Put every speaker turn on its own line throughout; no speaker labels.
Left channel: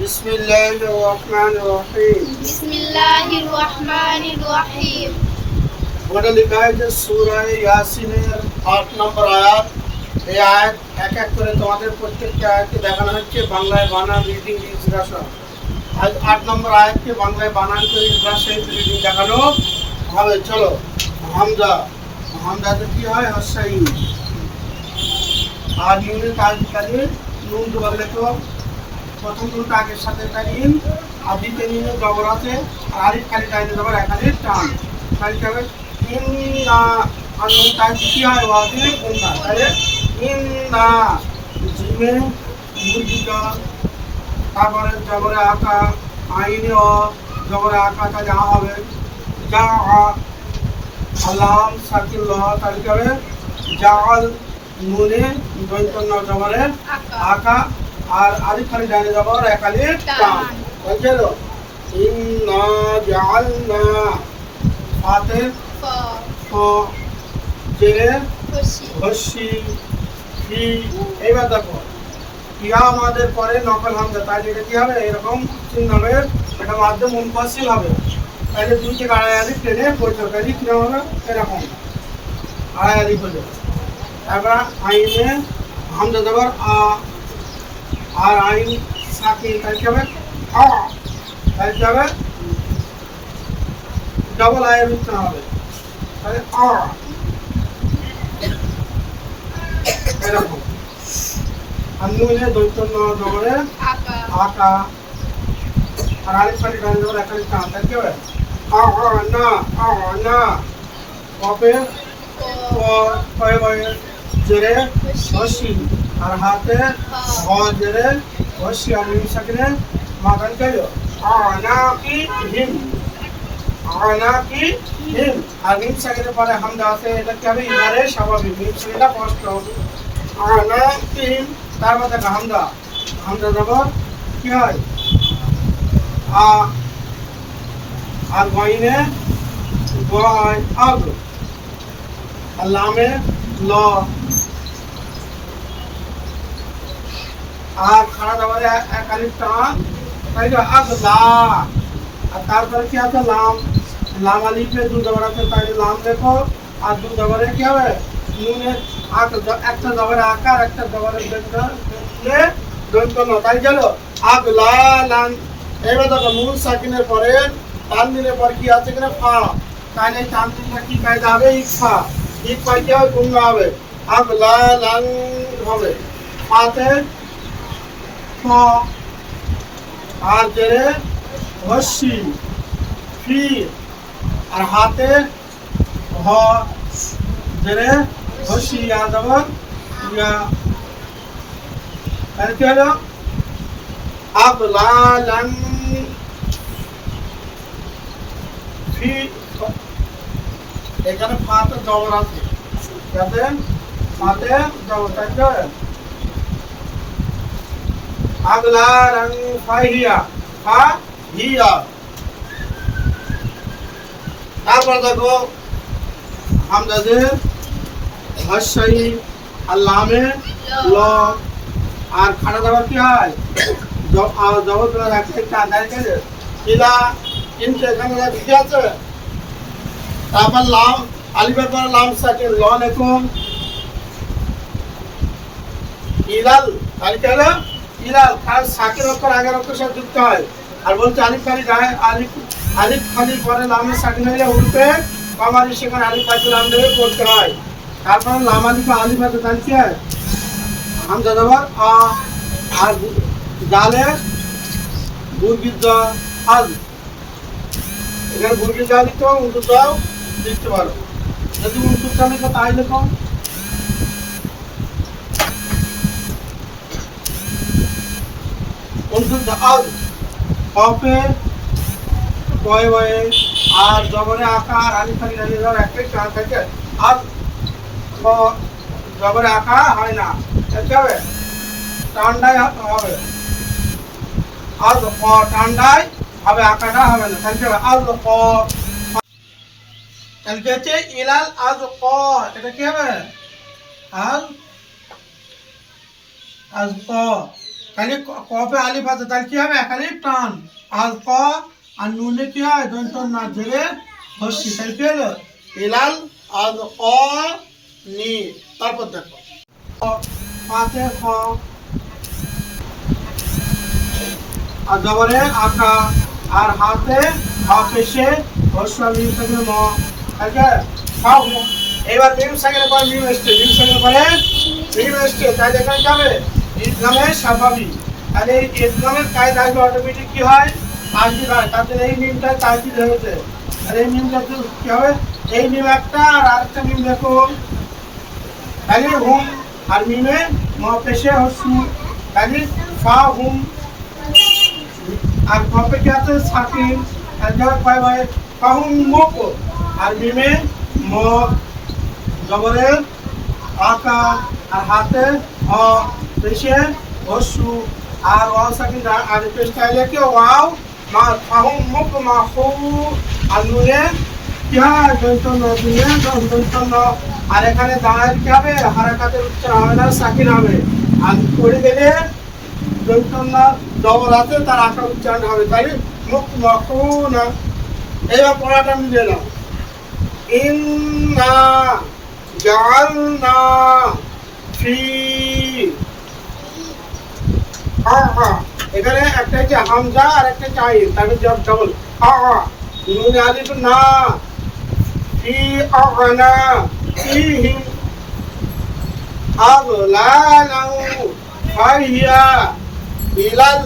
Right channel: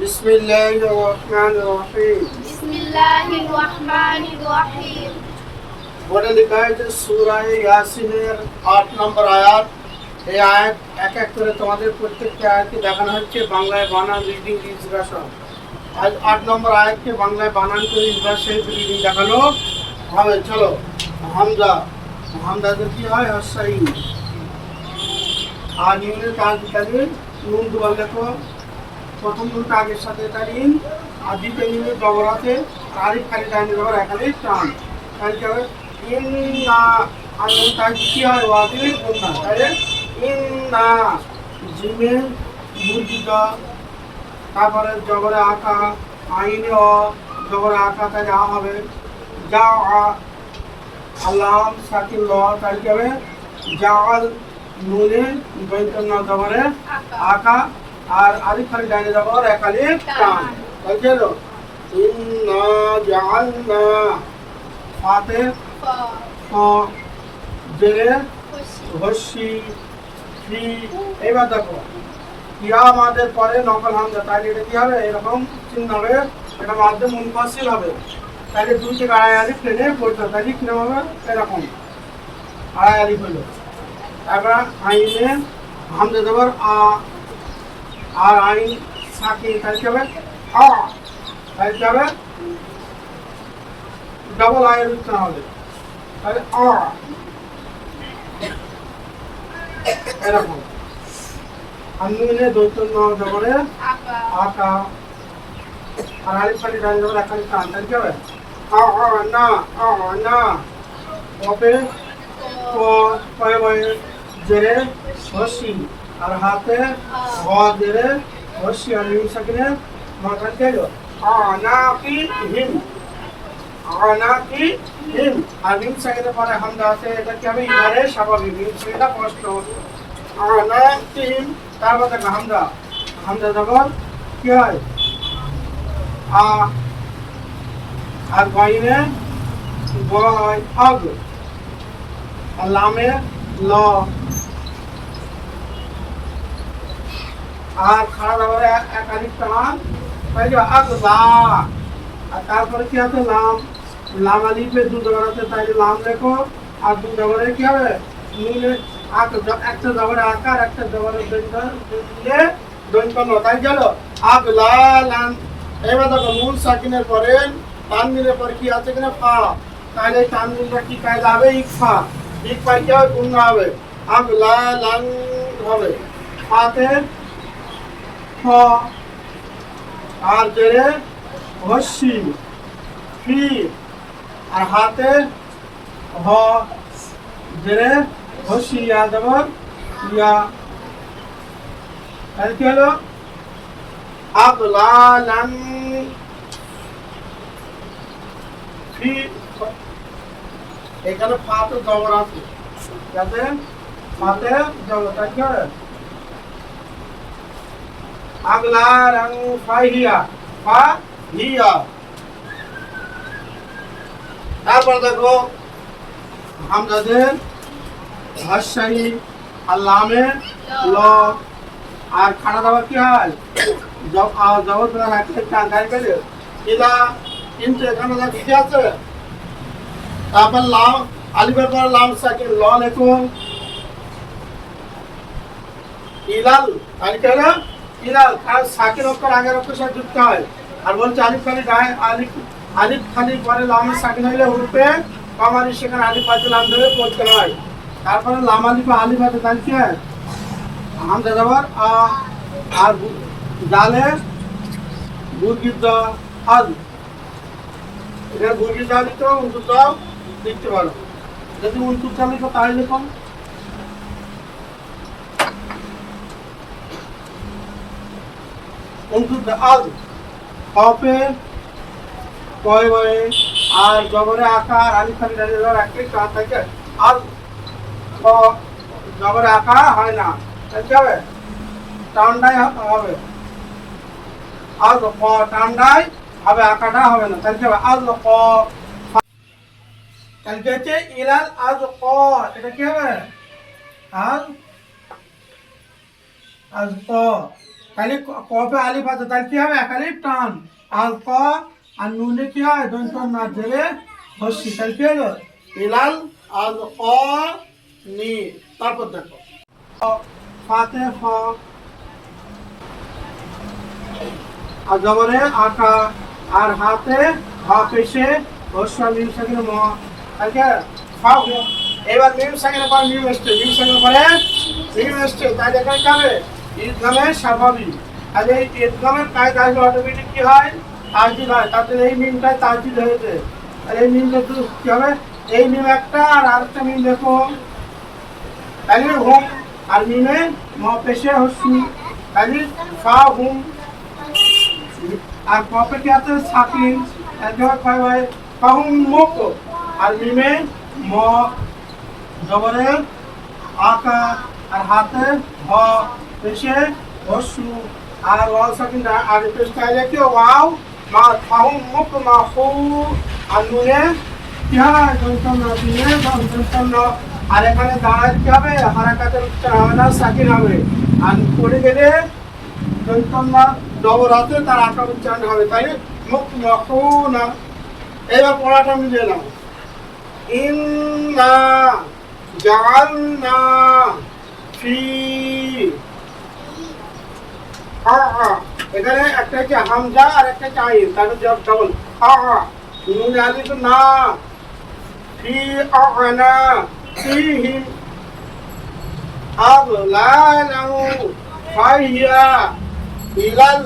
بسم الله الرحمن الرحيم
بسم الله الرحمن الرحيم
ওটা লেখা হয়েছে সুরায় ইয়াসিনের আট নম্বর আয়াত এই আয়াত এক এক করে তোমাদের প্রত্যেকটা আয়াতকে দেখানো হচ্ছে বাংলায় বানান রিডিং ইনস্ট্রাকশন আজ আট নম্বর আয়াতকে বাংলায় বানান করে ইনস্ট্রাকশন রিডিং দেখানো হবে চলো হামজা হামজাতে কি হয় হসাই আর ইউনের কাজ দিতে নুন দুবার লেখো প্রথম নুনটা আগের সাথে টানিন আর দ্বিতীয় নুনে জবর আছে, আর আরিফ খালি টাইনে জবর একাধিক টান খালি যাবে ইন্না, আর নুনটা কি হয় ওয়াজিব উন্না তাহলে ইন্না, জিমে মুরগিটা, তারপরে জবরে আঁকা আইনে অ জবরে আঁকা তাহলে আ হবে। যা আলাম সাকিল ল, তাহলে কি হবে? জাল, নুনে দৈতন্য জবরে আঁকা আর আলিফ খালি ডাইনে জবর এক আলিফ টান বলছে তো ইন্না জাআলনা ফাতে ফ।
খুশি
হসি ফি। এইবার দেখো কিয়া আমাদের পরে নকল হামজা। তাহলে এটা কি হবে? এরকম চিহ্ন হবে এটা মাধ্যম মুনফাসিল হবে। তাহলে দুই থেকে আড়াই আলিফ টেনে পড়তে হবে। তাহলে কীরকম হবে এরকম। আড়াই আলিফ হলো। তারপর আইনে হামজা দেবার আ আর আইন সাকি কি হবে? আ তাহলে কি হবে ডবল আয়ের উচ্চারণ হবে। তাহলে এরকম। আর ন জবরে
আকা।
আর আলিফ খালি ডালি জবর এক আ না আ না। কপে ক কয়ে বয়ে জেরে হসি আর হাতে সাকিনে মাথান কেলো আ হিম। আনা হিম। আর মিম সাকিনে পরে হামদা আছে, এটা কি হবে ইধারে স্বাভাবিক মিম সাকিনটা কষ্ট আনা কি হিম তারপর দেখো হামদা। হামদা জবর কি হয়? আ আর গইনে গ হয় আগ। আর লামে ল আর খাড়া দাবারে এক আলিফ টান। তাই তো আগ লা আর তারপরে কি আছে? লাম। লাম আলিফে দু জবর আছে, তাই লাম লেখো। আর দু জবরে কি হবে? নুনে আক একটা জবরে আকার একটা জবরে দৈন্য দৈন্যে ন তাই গেল? আগ লা, লাম। এবার দেখো, নুন সাকিনের পরে তানবিনের পর কি আছে কিনা? ফা। তাহলে তানবিনটা কি কায়দা হবে? ইকফা ইকফা কি হবে গুঙ্গা হবে। আগ লা লাং হবে। ফাতে ফ আর জেরে হসি ফি আর হাতে হ জেরে হসি আর দেবর ইয়া। তাহলে কি হলো? আগলালান ফি এখানে ফাতে জবর আছে। যাতে ফাতে জবর হবে? আগলা রং ফাহিয়া হিয়া। তারপর দেখো হামজাদের হাসাই আর লামে ল। আর খাড়া দাবার কি হয়? জগৎ ইলা কিন্তু এখানে আছে? তারপর লাম, আলিফের পর লাম সাকিন ল লেখুন। ইলাল হলো ইলাল সাকির অক্ষর আগের অক্ষর সাথে যুক্ত হয়। আর বলছে আলিফ খালি গায়ে আলিফ আলিফ খালি পরে লামের সাকিন হইলে উল্পে কমারি সেখানে আলিফ পাতে লাম দেবে পড়তে হয়। তারপরে লাম আলিফ আলিফ তাহলে কি হামজা দেবার আ, আর জালে বুর্গির আজ এখানে বুর্গির যা লিখতে হবে উন্টুর দাও লিখতে পারো। যদি উন্টুর চা লিখো তাই লেখো দা আজ কপে কয় বয়ে আর জবরে আকার, আলি খালি ডালি দেওয়ার একটাই কাজ থাকে আর জবরে আঁকা হয় না। দেখতে হবে টান্ডাই হবে। আজ ক টান্ডাই হবে আঁকাটা হবে না। তাহলে হবে? আজ ক। তাহলে কি ইলাল আজ ক। এটা কি হবে? আজ আজ ক। তাহলে ক- কপে আলিফ আছে, তাহলে কি হবে? এক টান। আর ক আর নুনে কি হয়? দন্ত না ধরে হস্যি তাহলে কি হলো? ইলাল আর ক নি। তারপর দেখো। ফাতে খ। আর জবরে আকা। আর হাতে হা পেশে হস্য মিম সাকিনে ম। তাহলে খাও এবার মিম সাকিনে পর মিম এসছে। মিম সাকিনে পরে মিম এসছে। তাই এখানে কি হবে? ইসলামের স্বাভাবিক। তাহলে এই ইসলামের কায়দা আসলে অটোমেটিক কি হয়? তাজদিদ হয় তাতে এই মিমটাই তাজদিদ হয়েছে আর এই মিমটা কি হবে? এই মিম একটা আর আরেকটা মিম দেখো। তাহলে হুম আর মিমে ম পেশে হস্যু তাহলে ফা হুম। আর কপে কি আছে? সাকিন। কয় ভাই মুখ। আর মিমে ম। জবরে আকা আর হাতে অ, পেশে হস্যু আর ওয়াও সাকিন আর পেশ চাইলে কি ওয়াও? মা কাহুম মুখ মা হু আর দন্তন না দিনে দন্তন না আর এখানে দাঁড়ের কি হবে? হারাকাতের উচ্চার হবে না, সাকিন হবে। আর পড়ে গেলে দন্তন্না ডবরাতে তার আঁকা উচ্চারণ হবে। তাই মুখ মখুনা এবার পড়াটা মিলে নাও ইন্না জাআলনা ফি আ আ এখানে একটা হচ্ছে হামজা আর একটা হচ্ছে আইন। তাহলে জব ডবল আ আ নুন আলিফ, না। ফি আনা ফিহিম আগলালাউ ফাহিয়া ইলাল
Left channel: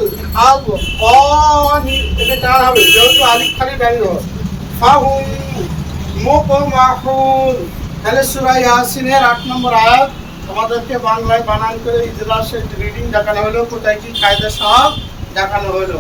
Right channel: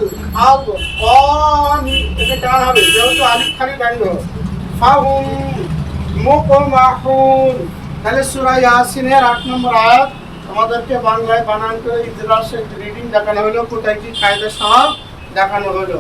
আবকানি এটা টান হবে। যেহেতু আলিফ খালি দাঁড়িয়ে হবে। ফাহুম, মুকমাহুন। তাহলে সূরা ইয়াসিনের 8 নম্বর আয়াত। তোমাদেরকে বাংলায় বানান করে ইতিহাসের রিডিং দেখানো হলো কোথায় কি কায়দা সাহাব দেখানো হলো।